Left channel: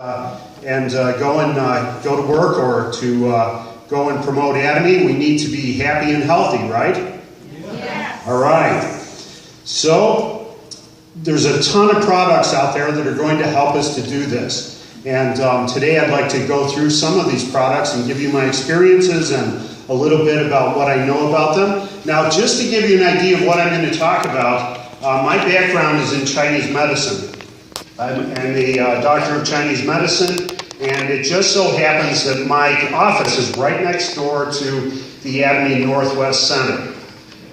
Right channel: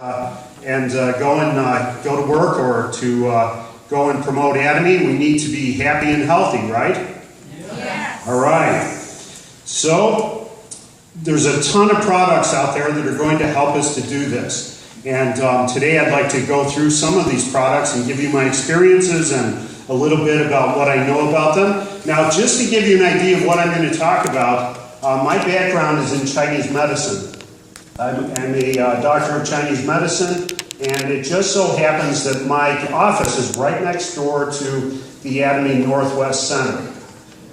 Go to work or to go and promote Atomy, we need to be happy and healthy, right? Yes. All right. So there's a ton of products out there that are going to help us to do this. And today I'd like to go through some of these products and give you my experiences and a little bit about what I know about them. Now, just to give you an idea of what I'm going to talk about, my background is in Chinese medicine. I'm a doctor of Chinese medicine, and it just so happens that my office is right next door to the Atomy Northwest Center.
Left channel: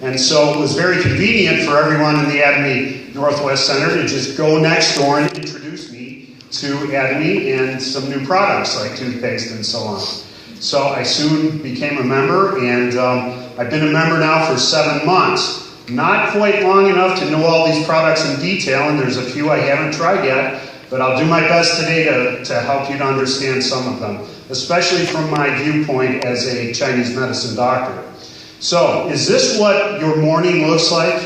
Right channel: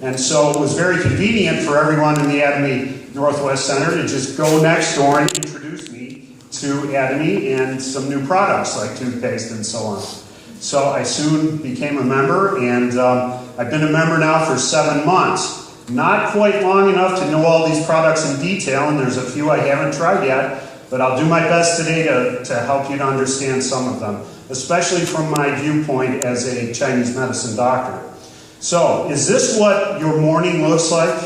And so it was very convenient for everyone in the Atomy Northwest Center to just go next door and introduce me to Atomy and some new products like toothpaste and so on. So I soon became a member, and I've been a member now for 7 months. Not quite long enough to know all these products in detail, and there's a few I haven't tried yet, but I'll do my best today to help you to understand some of them, especially from my viewpoint as a Chinese medicine doctor. So, is this what your morning looks like?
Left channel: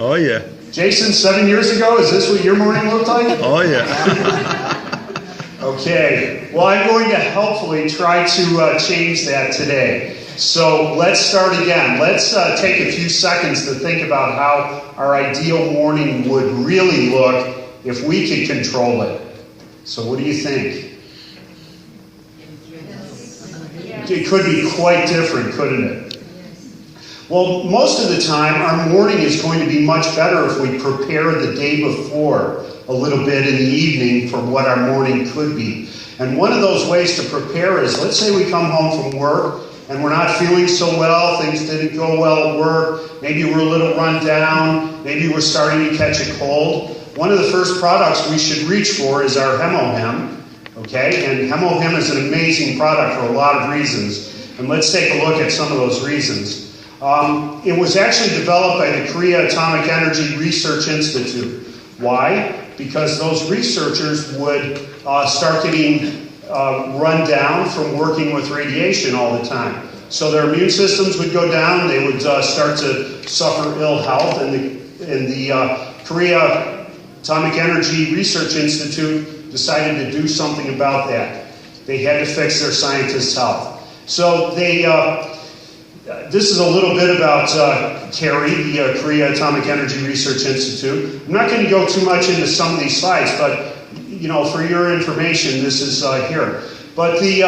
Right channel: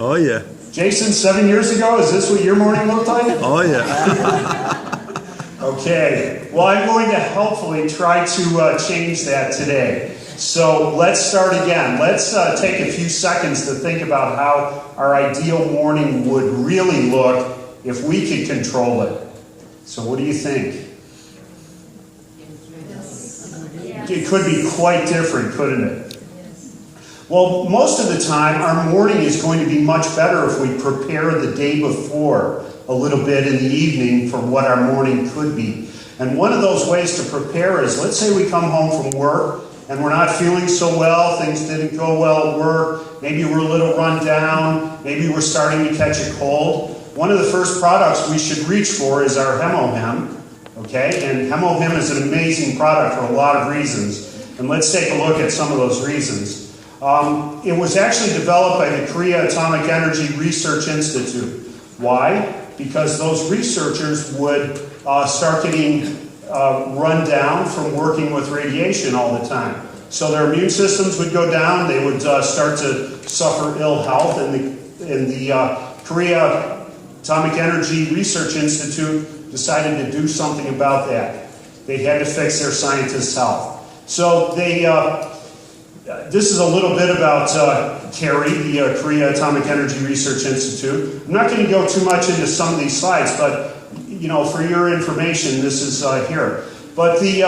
Oh, yeah. Jason, 7 years ago, is this what your morning looked like? Oh, yeah. Okay. Well, I'm going to helpfully try to change that today. So let's start again. Let's take a few seconds to think about how our ideal morning would really look if we could control it. So what do you think? It could be quite different, couldn't it? Well, most of the time, our morning is going to be much better if we prepare the day before a little bit in the evening for what our morning could be. And one of those ways to prepare is, let's say we come home from work, and we're not feeling so well, things didn't go well at work, maybe we're a little run down, maybe we're starting to catch a cold. One of the first products we should reach for is our Hemohem, okay? And Hemohem is an amazing product for a lot of reasons, and let's take a look at some of those reasons. It was actually developed by the Korea Atomic Energy Research Institute. Why? Because those researchers would start getting run down from working with radiation all the time. So their immune systems would go down, they would start to suffer ill health, and the Korea Atomic Energy Research Institute decided to do something about that. They had to fix their scientists' health. So this is a little bit about CARI, the Korea Atomic Energy Research Institute. I'm not going to go too much into some of these slides, but for your information, this is here. But the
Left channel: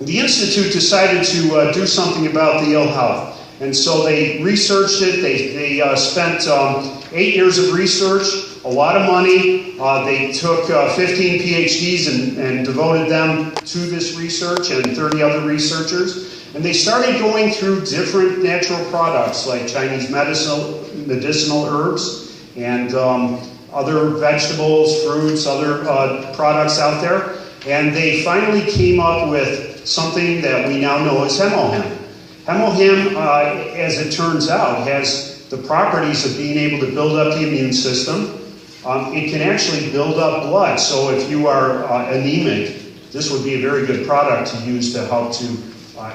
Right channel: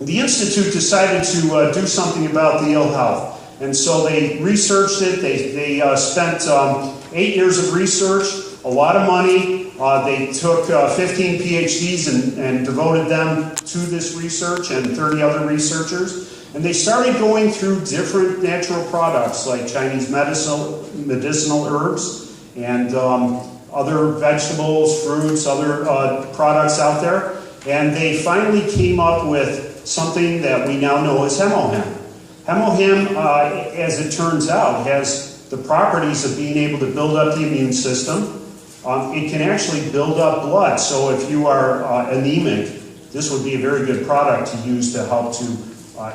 Institute decided to do something about the ill health. And so they researched it. They spent 8 years of research, a lot of money. They took 15 PhDs and devoted them to this research and 30 other researchers. And they started going through different natural products like Chinese medicinal herbs and other vegetables, fruits, other products out there. And they finally came up with something that we now know as Hemohem. Hemohem, as it turns out, has the properties of being able to build up the immune system. It can actually build up blood. So if you are anemic, this would be a very good product to use to help to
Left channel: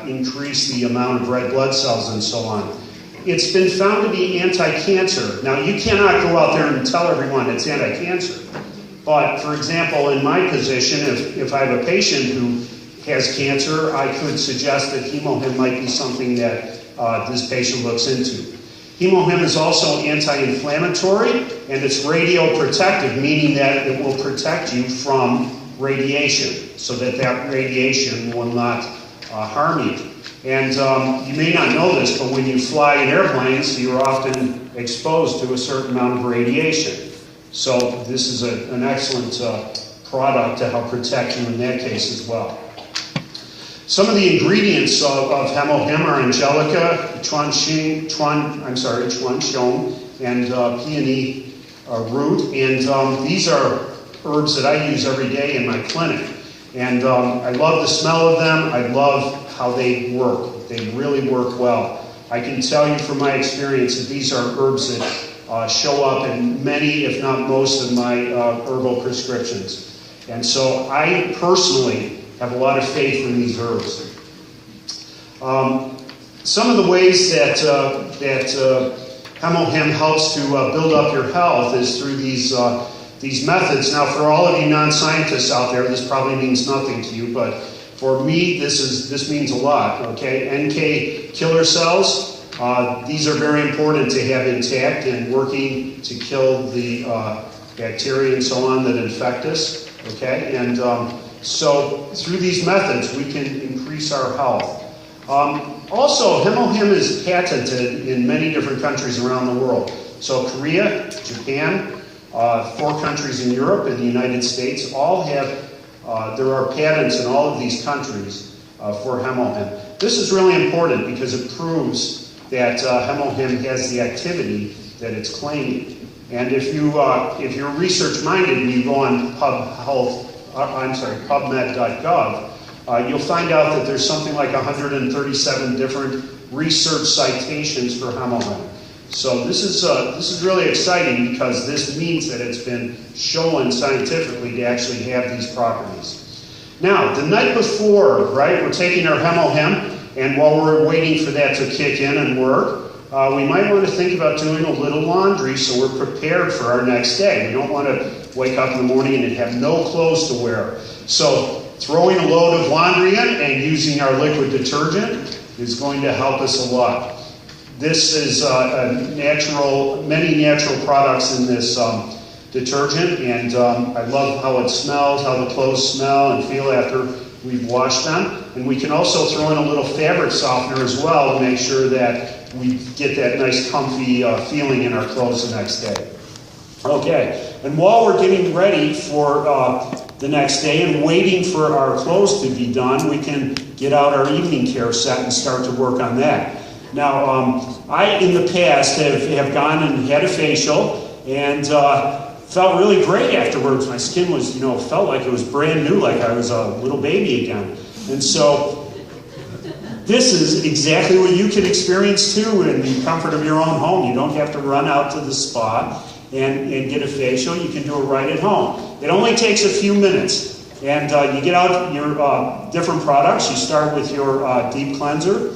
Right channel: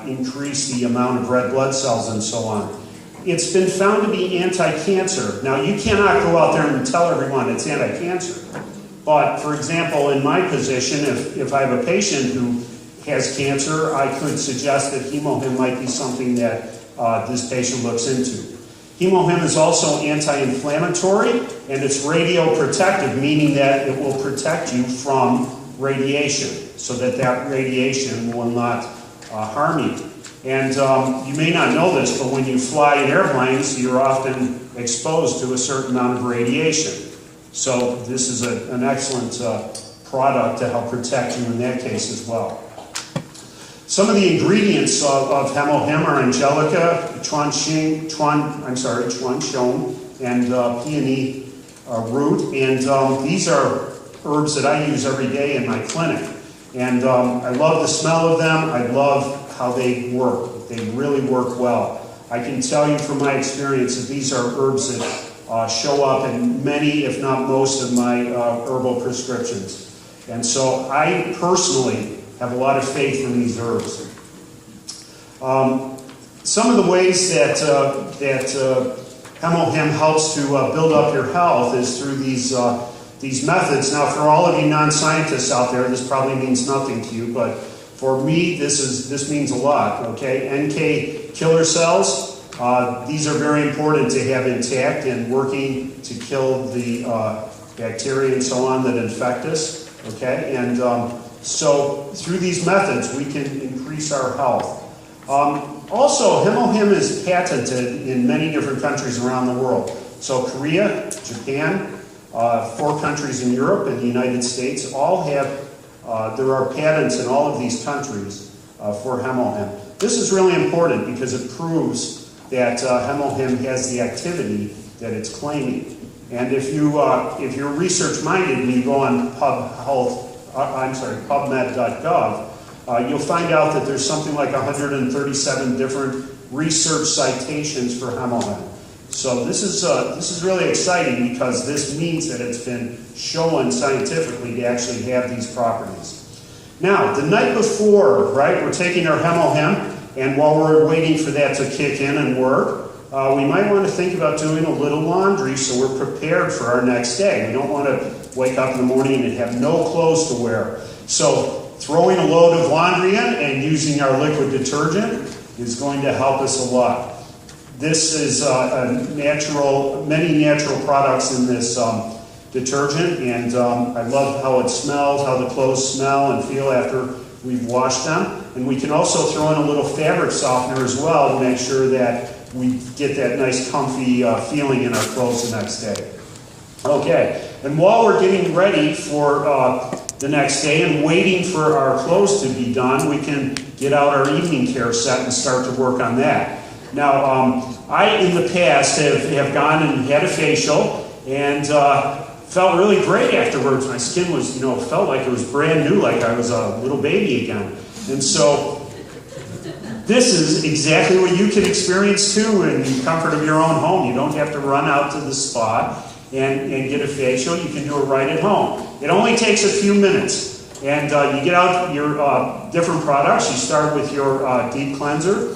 increase the amount of red blood cells and so on. It's been found to be anti-cancer. Now, you cannot go out there and tell everyone it's anti-cancer. But, for example, in my position, if I have a patient who has cancer, I could suggest that Hemohem might be something that this patient looks into. Hemohem is also anti-inflammatory, and it's radioprotective, meaning that it will protect you from radiation, so that radiation will not harm you. And you may not know this, but when you fly in airplanes, you're often exposed to a certain amount of radiation. So this is an excellent product to help protect you in that case as well. Some of the ingredients of Hemohem are angelica, chuanxiong, and peony root. And these are herbs that I use every day in my clinic. And I love the smell of them. I love how they work. They really work well. I can tell you from my experience that these are herbs that show up in many, if not most, of my herbal prescriptions. And so I personally have a lot of faith in these herbs. Some of the ways that Hemohem helps to build up your health is through these these methods. Now, for all of you non-scientists out there, this probably means nothing to you, but for me, this means a lot, okay? NK killer cells, these are very important to have intact and working to kill the bacteria and so on that infect us, okay? And so through these methods, we can increase our health. Also, Hemohim is patented in many different countries around the world. So Korea, Japan, 4 countries in Europe and the United States all have, there are patents in all of these countries for Hemohim. This is really important because it proves that Hemohim has the activity that it's claiming. And if you're research-minded and you go on PubMed.gov, you'll find out that there's something like 137 different research citations for Hemohim. So this is really exciting because this means that it's been shown scientifically to actually have these properties. Now, the night before, right, we're taking our Hemohim, and while we're waiting for that to kick in and work, we might want to think about doing a little laundry so we're prepared for our next day. We don't want to wake up in the morning and have no clothes to wear. So throwing a load of laundry in and using our liquid detergent is going to help us a lot. This is many natural products in this detergent, and I love how it smells, how the clothes smell and feel after we've washed them. And we can also throw in a little fabric softener as well to make sure that we get that nice comfy feeling in our clothes the next day. Okay, and while we're getting ready for the next day and waiting for our clothes to be done, we can get out our evening care set and start to work on that. Now, I, in the past, have gone and had a facial and felt really great afterwards. My skin was, felt like it was brand new, like I was a little baby again. And so, this is exactly what you can experience too in the comfort of your own home. You don't have to run out to the spa and get a facial. You can do it right at home. It only takes a few minutes. And you get out your different products. You start with your deep cleanser,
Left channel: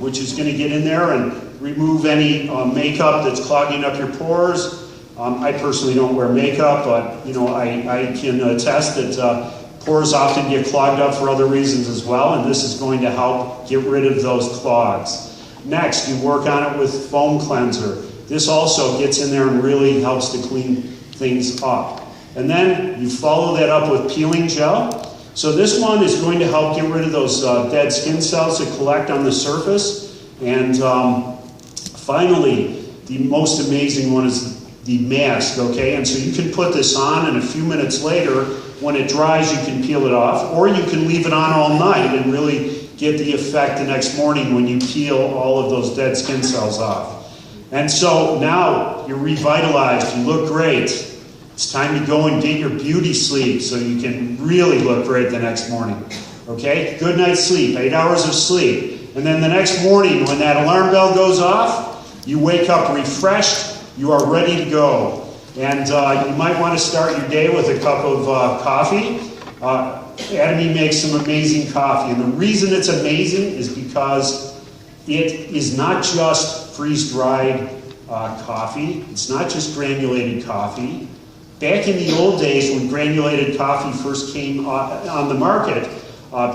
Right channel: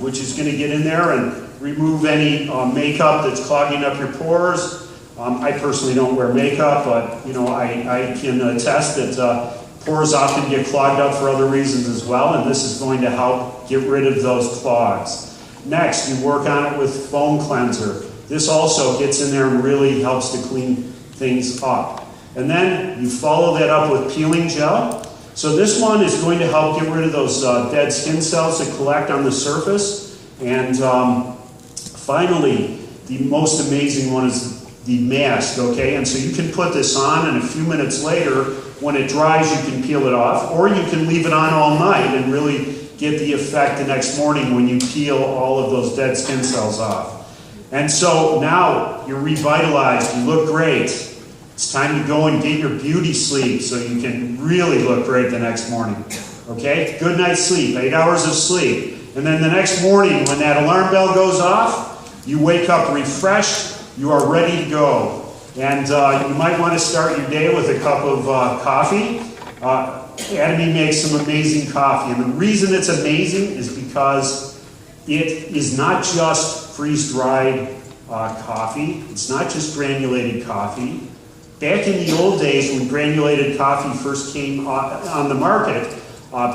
which is going to get in there and remove any makeup that's clogging up your pores. I personally don't wear makeup, but I can attest that pores often get clogged up for other reasons as well, and this is going to help get rid of those clogs. Next, you work on it with foam cleanser. This also gets in there and really helps to clean things up. And then you follow that up with peeling gel. So this one is going to help get rid of those dead skin cells that collect on the surface. And finally, the most amazing one is the mask, okay? And so you can put this on, and a few minutes later, when it dries, you can peel it off, or you can leave it on all night and really get the effect the next morning when you peel all of those dead skin cells off. And so now you're revitalized, you look great. It's time to go and get your beauty sleep so you can really look great the next morning. Okay? Good night's sleep, 8 hours of sleep. And then the next morning when that alarm bell goes off, you wake up refreshed, you are ready to go. And you might want to start your day with a cup of coffee. Adamy makes some amazing coffee. And the reason it's amazing is because it is not just freeze-dried coffee. It's not just granulated coffee. Back in the old days when granulated coffee first came on the market,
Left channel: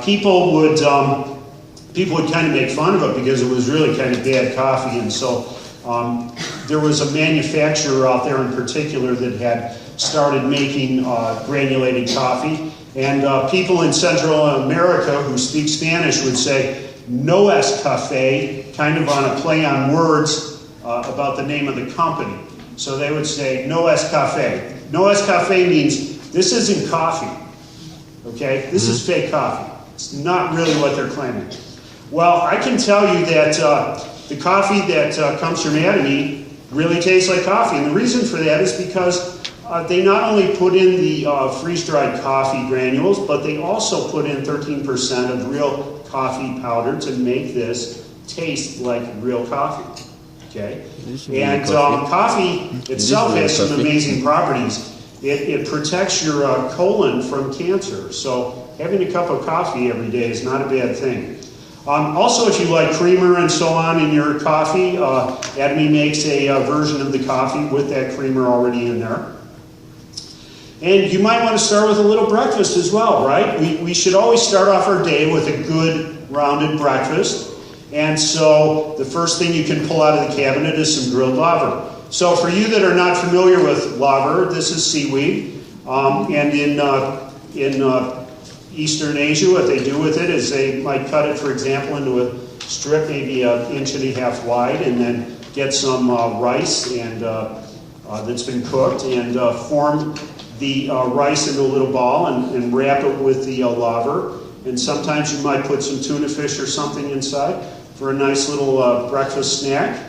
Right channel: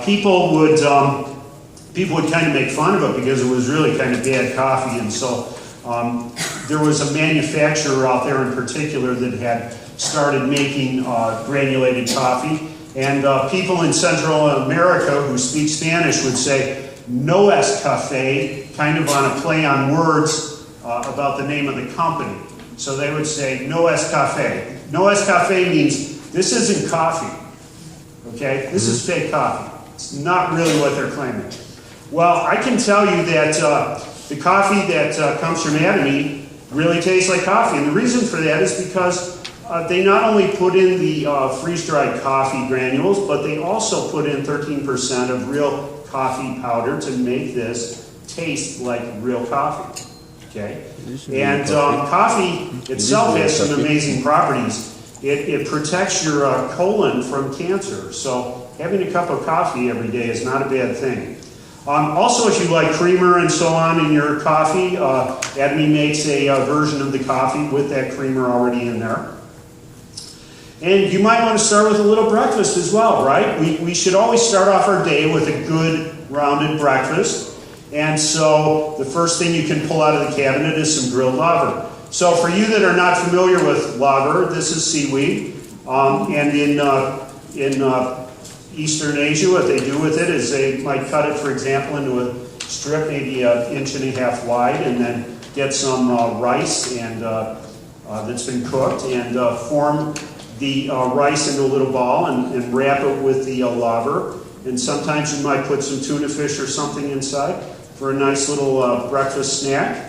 people would kind of make fun of it because it was really kind of bad coffee. And so there was a manufacturer out there in particular that had started making granulated coffee. And people in Central America who speak Spanish would say, no es cafe, kind of on a play on words about the name of the company. So they would say, no es cafe. No es cafe means this isn't coffee, okay? This is fake coffee. It's not really what they're claiming. Well, I can tell you that the coffee that comes from Adamy really tastes like coffee. And the reason for that is because they not only put in the freeze-dried coffee granules, but they also put in 13% of real coffee powder to make this taste like real coffee. Okay, and coffee itself has some amazing properties. It protects your colon from cancer. So having a cup of coffee every day is not a bad thing. Also, if you like creamer and so on in your coffee, Adamy makes a version of the coffee with that creamer already in there. And you might want to start with a little breakfast as well, right? We should always start off our day with a good rounded breakfast. And so the first thing you can pull out of the cabinet is some grilled laver. So for you that are not familiar with laver, this is seaweed. And in Eastern Asia, what they do with it is they might cut it, for example, into a strip maybe 1.5 inches wide, and then get some rice and that's been cooked, and form the rice into a little ball and wrap it with the laver. And sometimes you might put some tuna fish or something inside for a nice little breakfast snack.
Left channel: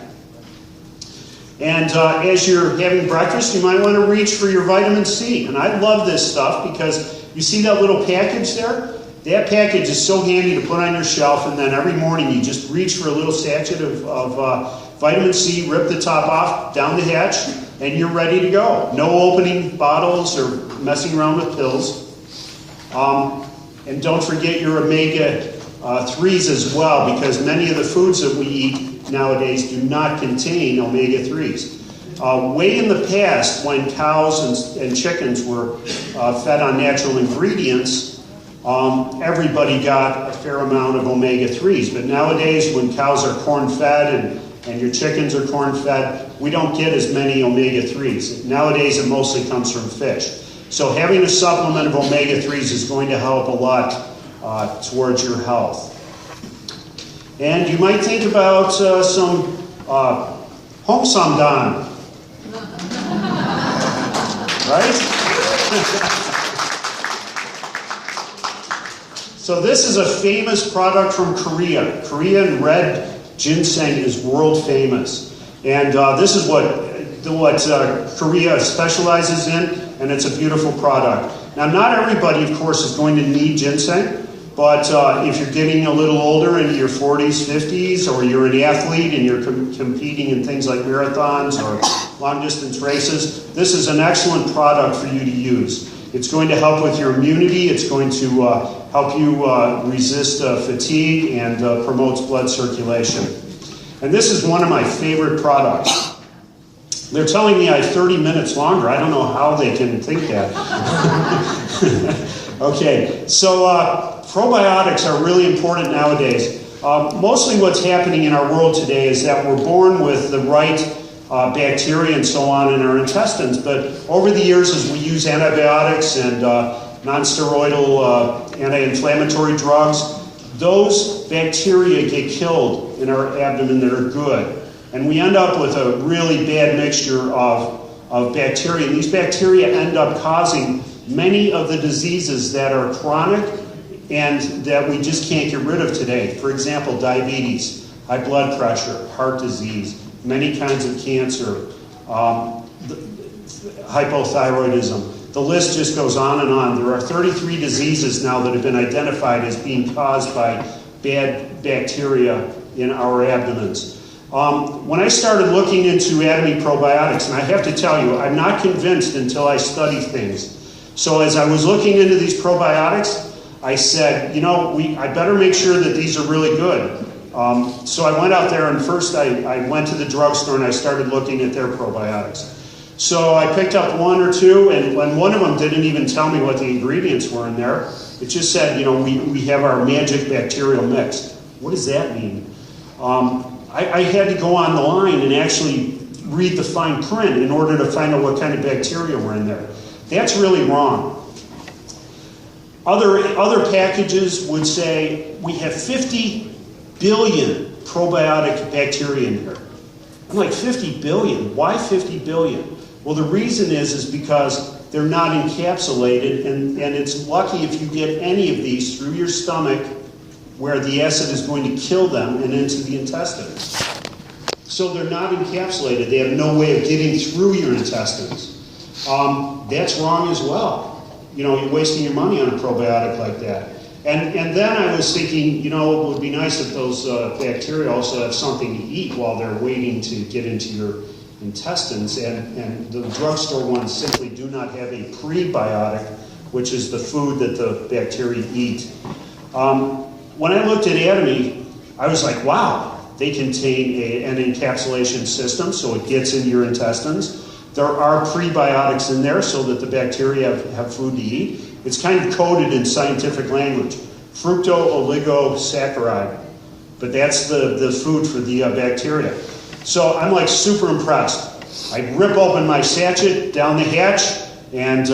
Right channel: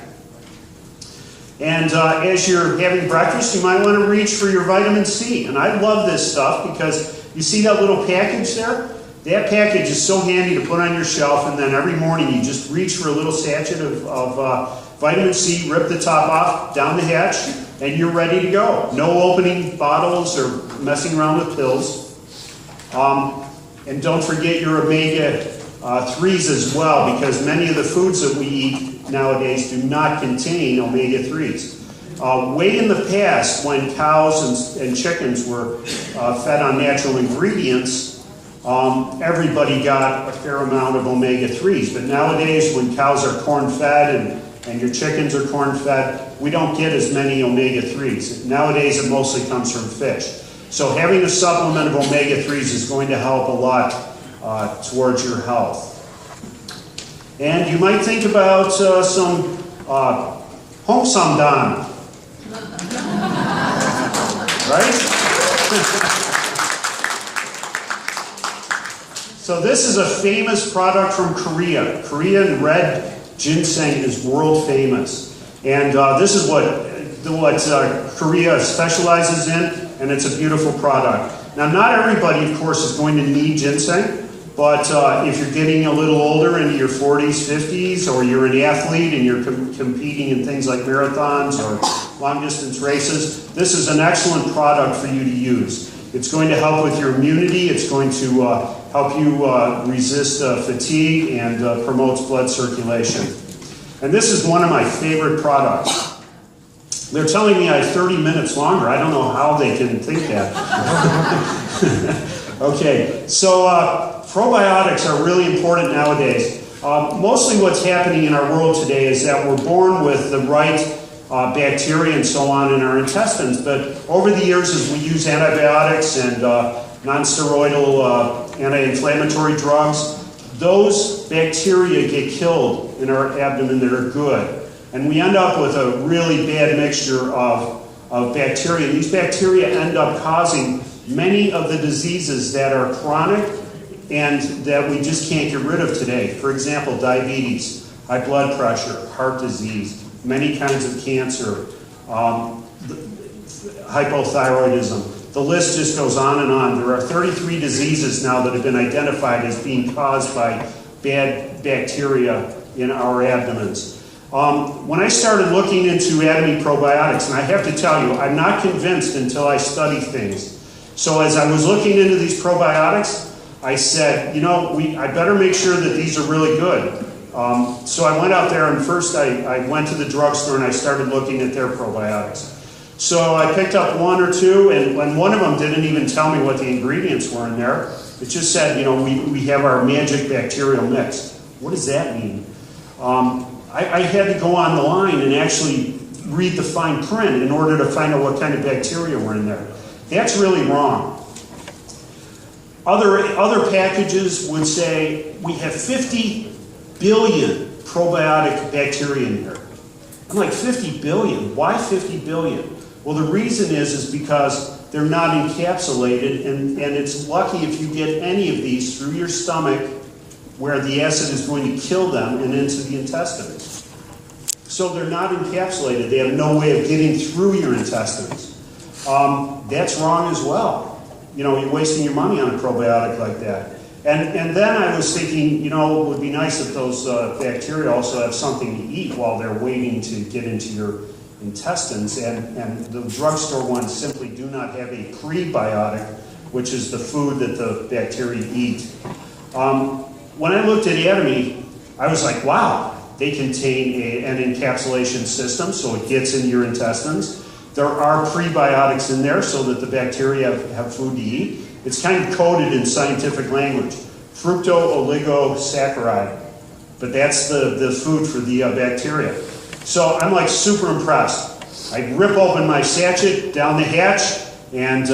And as you're having breakfast, you might want to reach for your vitamin C. And I love this stuff because you see that little package there? That package is so handy to put on your shelf, and then every morning you just reach for a little sachet of vitamin C, rip the top off, down the hatch, and you're ready to go. No opening bottles or messing around with pills. And don't forget your omega-3s as well, because many of the foods that we eat nowadays do not contain omega-3s. Way in the past, when cows and chickens were fed on natural ingredients, everybody got a fair amount of omega-3s. But nowadays, when cows are corn-fed and your chickens are corn-fed, we don't get as many omega-3s. Nowadays, it mostly comes from fish. So having a supplement of omega-3s is going to help a lot towards your health. And you might think about some home samdan. Right? So this is a famous product from Korea. Korean red ginseng is world famous. And this is what Korea specializes in, and it's a beautiful product. Now, not everybody, of course, is going to need ginseng, but if you're getting a little older, into your 40s, 50s, or you're an athlete and you're competing in things like marathons or long-distance races, this is an excellent product for you to use. It's going to help with your immunity. It's going to help you resist fatigue and promotes blood circulation. And this is one of my favorite products. They're telling me I have 30 minutes longer. I don't know how they can think that. Okay, so probiotics are really important nowadays. Mostly what's happening in our world today is that we're born with the right bacteria and so on in our intestines, but over the years as we use antibiotics and non-steroidal anti-inflammatory drugs, those bacteria get killed in our abdomen that are good. And we end up with a really bad mixture of bacteria. And these bacteria end up causing many of the diseases that are chronic and that we just can't get rid of today. For example, diabetes, high blood pressure, heart disease, many kinds of cancer, hypothyroidism. The list just goes on and on. There are 33 diseases now that have been identified as being caused by bad bacteria in our abdomens. When I started looking into ADME probiotics, and I have to tell you, I'm not convinced until I study things. So as I was looking into these probiotics, I said, I better make sure that these are really good. So I went out there, and first I went to the drugstore and I started looking at their probiotics. So I picked up one or two, and when one of them didn't even tell me what the ingredients were in there, it just said, we have our magic bacterial mix. What does that mean? I had to go on the line and actually read the fine print in order to find out what kind of bacteria were in there. That's really wrong. Other packages would say we have 50 billion probiotic bacteria in here. I'm like, 50 billion? Why 50 billion? Well, the reason is because they're not encapsulated, and it's lucky if you get any of these through your stomach where the acid is going to kill them and into the intestines. So they're not encapsulated. They have no way of getting through your intestines. That's wrong as well. You're wasting your money on a probiotic like that. And then I was thinking, it would be nice if those bacteria also have something to eat while they're waiting to get into your intestines. And the drugstore ones simply do not have a prebiotic, which is the food that the bacteria eat. When I looked at ADME, I was like, wow, they contain an encapsulation system, so it gets into your intestines. There are prebiotics in there so that the bacteria have food to eat. It's kind of coded in scientific language. Fructooligosaccharides. But that's the food for the bacteria. So I'm like super impressed. I rip open my sachet down the hatch, and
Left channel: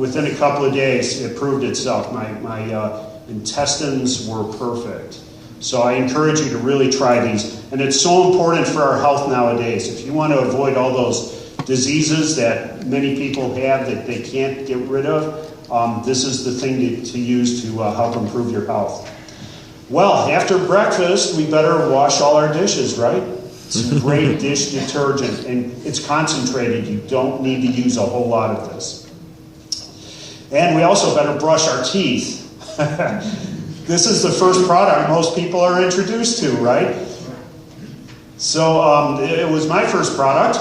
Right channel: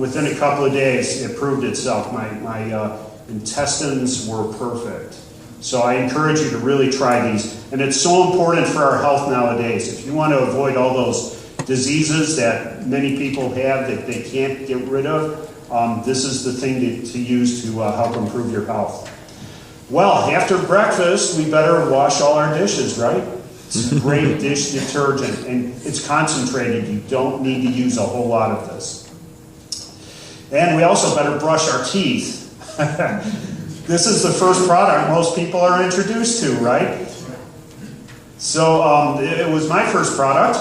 within a couple of days it proved itself. My intestines were perfect. So I encourage you to really try these. And it's so important for our health nowadays. If you want to avoid all those diseases that many people have that they can't get rid of, this is the thing to use to help improve your health. Well, after breakfast, we better wash all our dishes, right? It's great dish detergent, and it's concentrated. You don't need to use a whole lot of this. And we also better brush our teeth. This is the first product most people are introduced to, right? So it was my first product.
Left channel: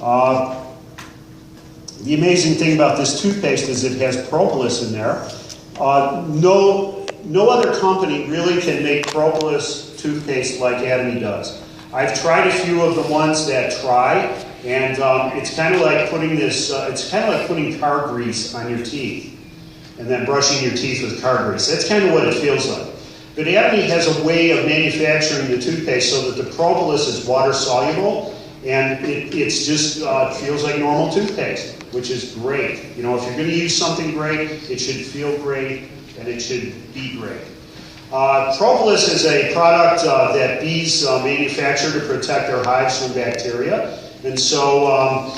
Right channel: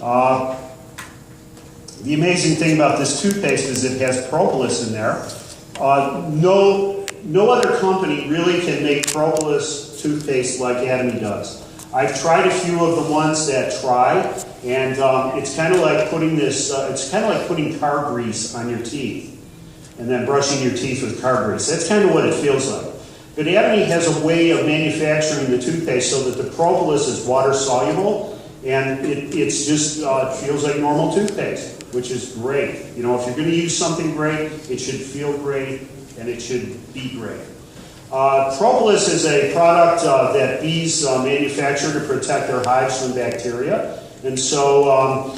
The amazing thing about this toothpaste is it has propolis in there. No other company really can make propolis toothpaste like Atomy does. I've tried a few of the ones that try, and it's kind of like putting it's kind of like putting car grease on your teeth and then brushing your teeth with car grease. That's kind of what it feels like. But Atomy has a way of manufacturing the toothpaste so that the propolis is water soluble, and it's just feels like normal toothpaste, which is great. You know, if you're going to use something great, it should feel great, and it should be great. Propolis is a product that bees manufacture to protect our hives from bacteria. And so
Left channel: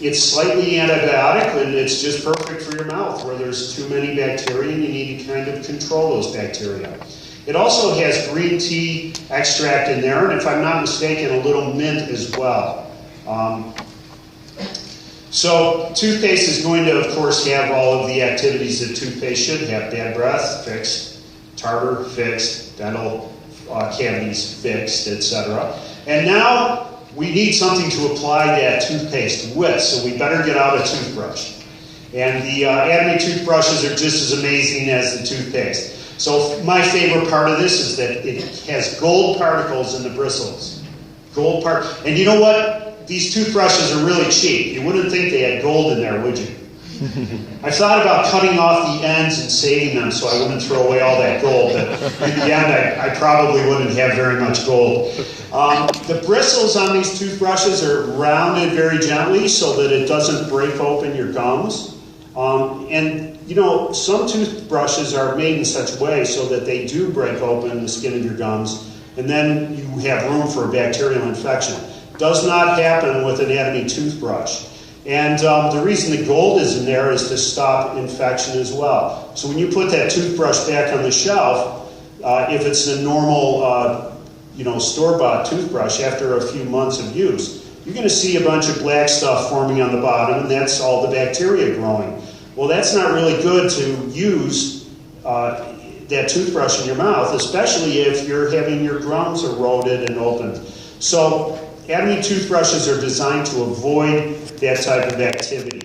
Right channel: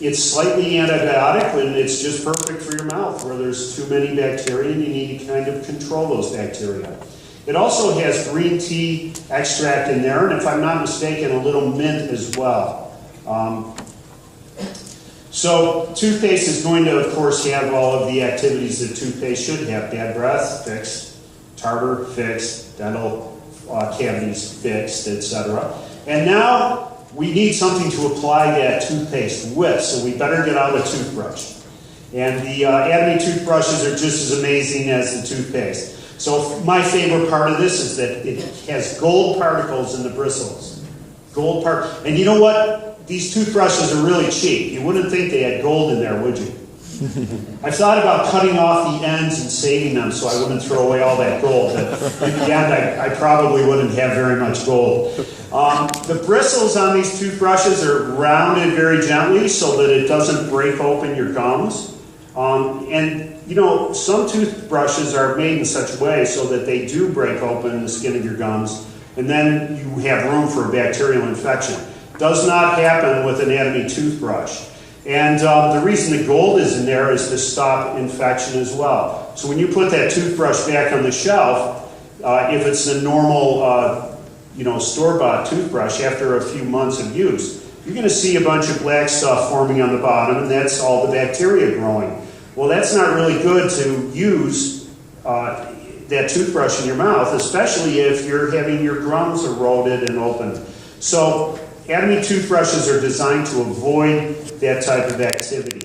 it's slightly antibiotic, and it's just perfect for your mouth where there's too many bacteria and you need to kind of control those bacteria. It also has green tea extract in there, and if I'm not mistaken, a little mint as well. So toothpaste is going to, of course, have all of the activities that toothpaste should have. Bad breath, fixed. Tartar, fixed. Dental cavities, fixed, etc. And now we need something to apply that toothpaste with, so we better get out a toothbrush. And the Atomy toothbrushes are just as amazing as the toothpaste. So my favorite part of this is that it has gold particles in the bristles. And you know what? These toothbrushes are really cheap. You wouldn't think they had gold in there, would you? I thought about cutting off the ends and saving them so I wouldn't throw away all that gold, but in the end I probably wouldn't have very much gold. The bristles on these toothbrushes are rounded very gently so that it doesn't break open your gums. And you know, some toothbrushes are made in such a way so that they do break open the skin of your gums, and then you have room for a bacterial infection. Does not happen with an Atomy toothbrush. And the reason the gold is in there is to stop infection as well. So when you put that toothbrush back on the shelf, if it's a normal, store-bought toothbrush, after a few months of use, you're going to see a bunch of black stuff forming on the bottom, and that's all the bacteria growing. Well, that's not really good to use that toothbrush in your mouth, especially if you're having your gums eroded and opened. So Atomy toothbrushes are designed to avoid that type of activity.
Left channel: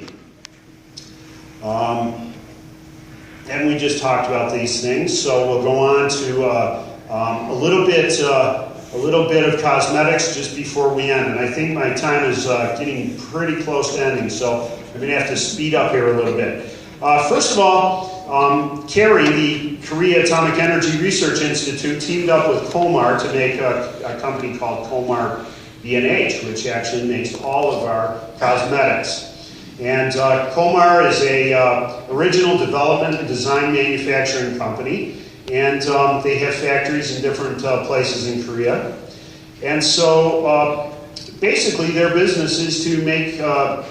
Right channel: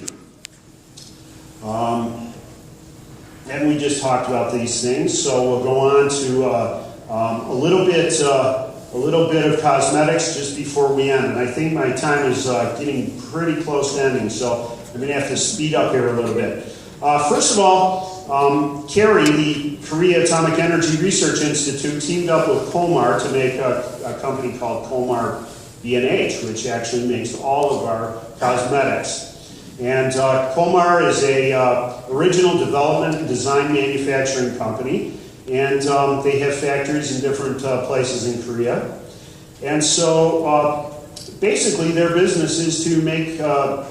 And we just talked about these things, so we'll go on to a little bit of cosmetics just before we end. And I think my time is getting pretty close to ending, so I'm going to have to speed up here a little bit. First of all, CARI, the Korea Atomic Energy Research Institute, teamed up with Comar to make a company called Comar B&H, which actually makes all of our cosmetics. And Comar is a original development and design manufacturing company, and they have factories in different places in Korea. And so basically their business is to make a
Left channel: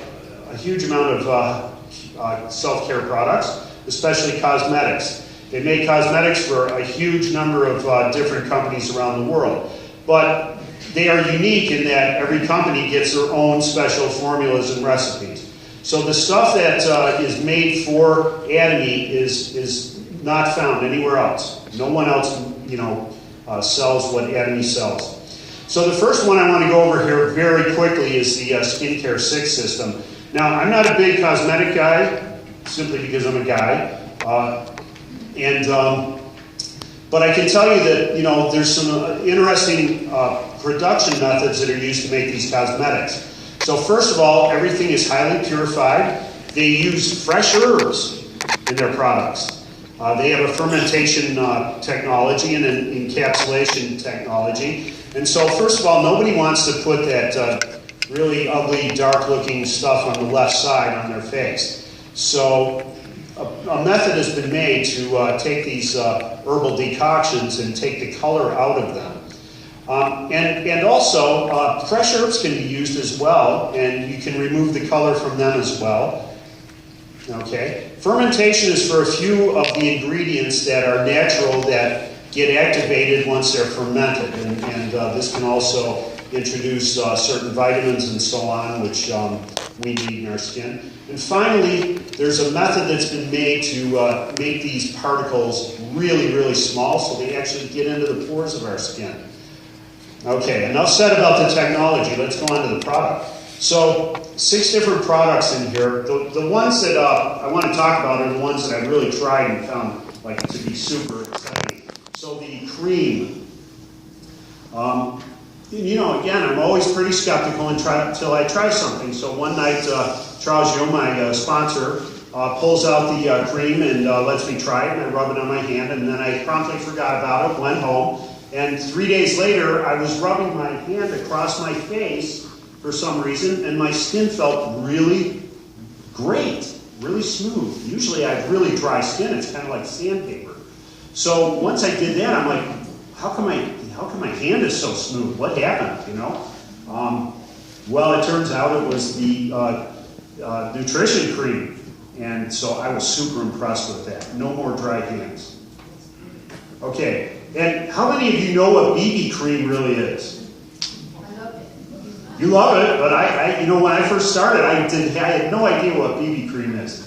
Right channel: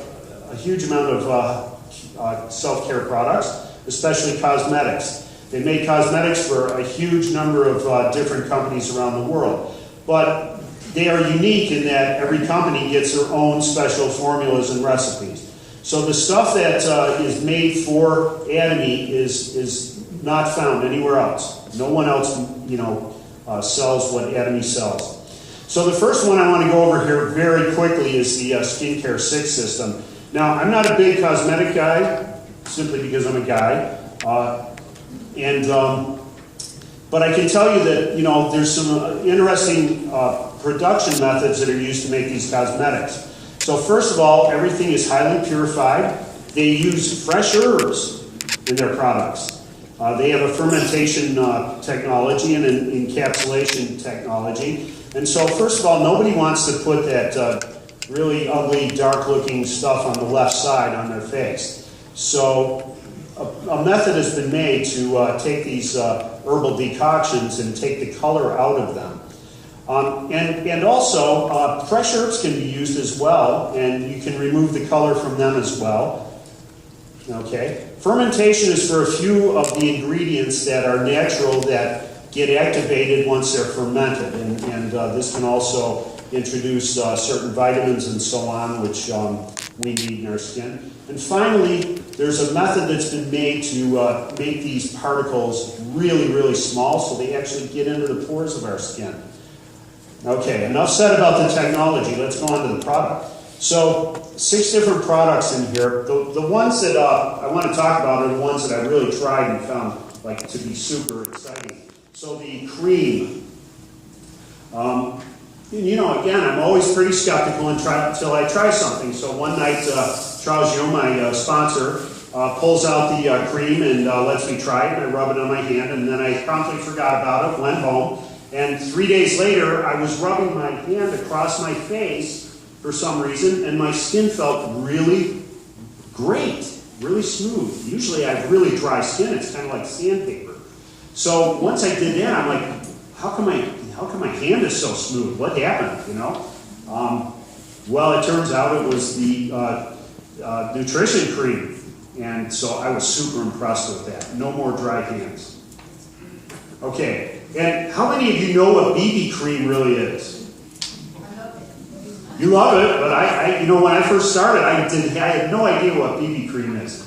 huge amount of self-care products, especially cosmetics. They make cosmetics for a huge number of different companies around the world. But they are unique in that every company gets their own special formulas and recipes. So the stuff that is made for Atomy is not found anywhere else. No one else, sells what Atomy sells. So the first one I want to go over here very quickly is the Skincare 6 system. Now, I'm not a big cosmetic guy, simply because I'm a guy. But I can tell you that, there's some interesting production methods that are used to make these cosmetics. So first of all, everything is highly purified. They use fresh herbs in their products. They have a fermentation technology and an encapsulation technology. And so first of all, nobody wants to put that really ugly, dark-looking stuff on the left side on their face. So a method has been made to take these herbal decoctions and take the color out of them. And also, fresh herbs can be used as well, and you can remove the color from them as well. Okay. Fermentation is for a few of the ingredients that are natural that get activated once they're fermented, and this can also introduce certain vitamins and so on, which we need in our skin. And finally, there's a method that's been made to make these particles really, really small so they actually get into the pores of our skin. Okay, enough said about the technology. Let's go on to the product. So, 6 different products in here. The ones that I want to talk about are the ones that I really tried and found like to be super exciting. So the cream. You know, again, I'm always pretty skeptical until I try something. So one night, Charles Young, my sponsor, pulls out the cream and lets me try it, and I rub it on my hand, and then I promptly forgot about it, went home, and 3 days later, I was rubbing my hand across my face for some reason, and my skin felt really great, really smooth. Usually I have really dry skin, it's kind of like sandpaper. So once I did that, I'm like, how come my hand is so smooth? What happened, you know? Well, it turns out it was the nutrition cream. And so I was super impressed with that. No more dry hands. Okay, and how many of you know what BB cream really is? You love it, but I you know, when I first started, I had no idea what BB cream is.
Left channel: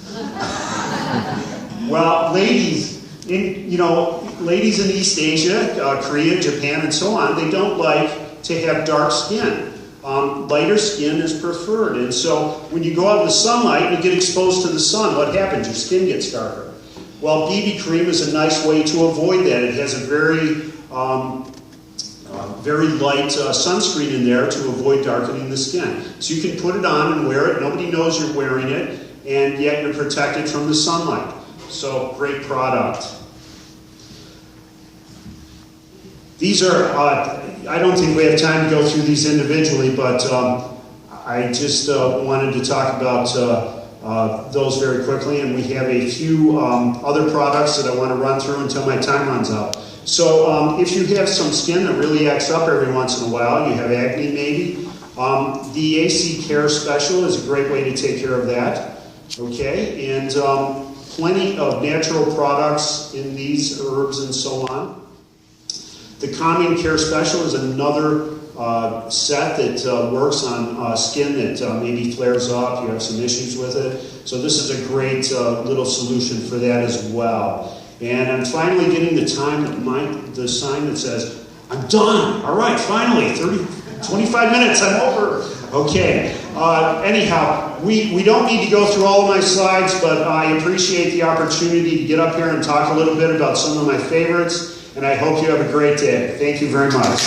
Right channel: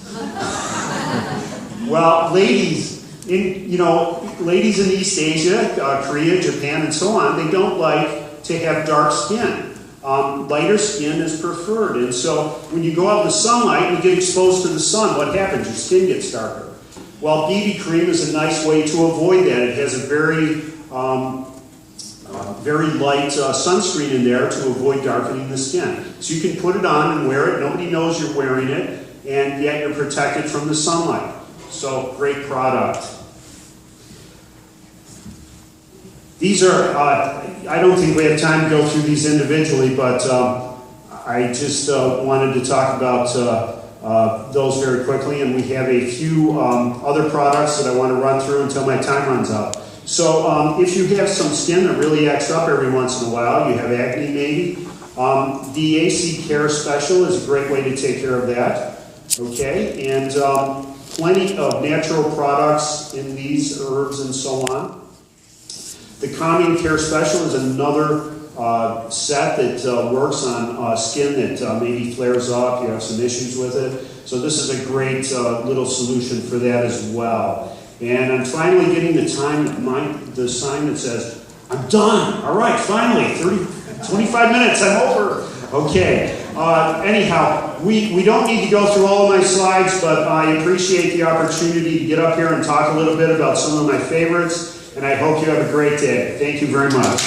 Well, ladies in East Asia, Korea, Japan, and so on, they don't like to have dark skin. Lighter skin is preferred, and so when you go out in the sunlight and you get exposed to the sun, what happens? Your skin gets darker. Well, BB cream is a nice way to avoid that. It has a very light sunscreen in there to avoid darkening the skin. So you can put it on and wear it. Nobody knows you're wearing it, and yet you're protected from the sunlight. So, great product. These are, I don't think we have time to go through these individually, but I just wanted to talk about those very quickly, and we have a few other products that I want to run through until my time runs out. So if you have some skin that really acts up every once in a while, you have acne maybe, the AC Care Special is a great way to take care of that. Okay, and plenty of natural products in these herbs and so on. The Calming Care Special is another set that works on skin that maybe flares up, you have some issues with it. So this is a great little solution for that as well. And I'm finally getting the sign that says, I'm done. All right, finally, 25 minutes, I'm over. Okay, anyhow, we don't need to go through all of my slides, but I appreciate the opportunity to get up here and talk a little bit about some of my favorites, and I hope you have a great day. Thank you very much.